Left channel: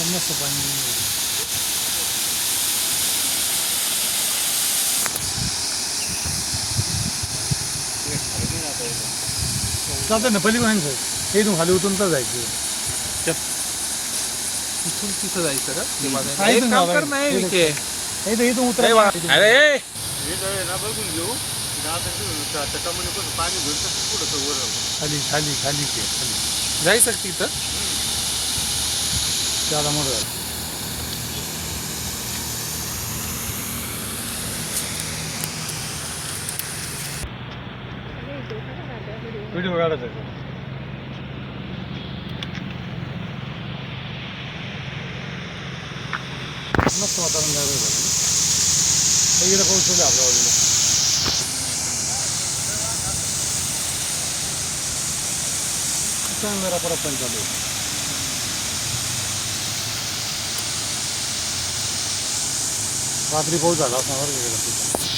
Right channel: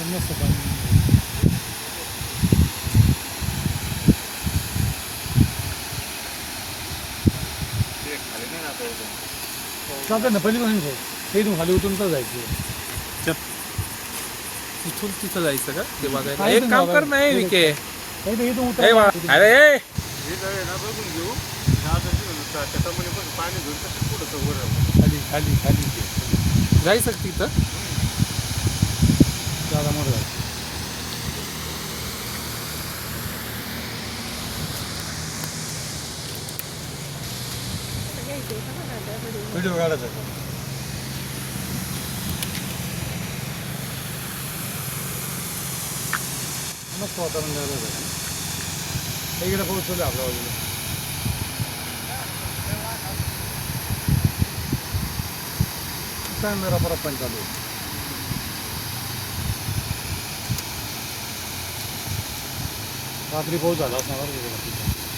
मस्त पाणी जातं ना पलीकडून ते इथून खाली उतरून तर जायचं इथून तिथं जायचं का ते बघायला काय एक इथून काम जावं कर नाही लागेल. विके नाही तर इथून ए उतरायचं वा- इथून. अरे खाली खाली खाली ते जायचं तिथं जागा मोठं व्हिडिओ काढायचा का? मस्त वातावरण लागलं इकडे पाऊस चालू आहे आपल्या बाजूला चांगलं रपरप पण चालू आहे रात्री पाऊस झाला असणार बरं का.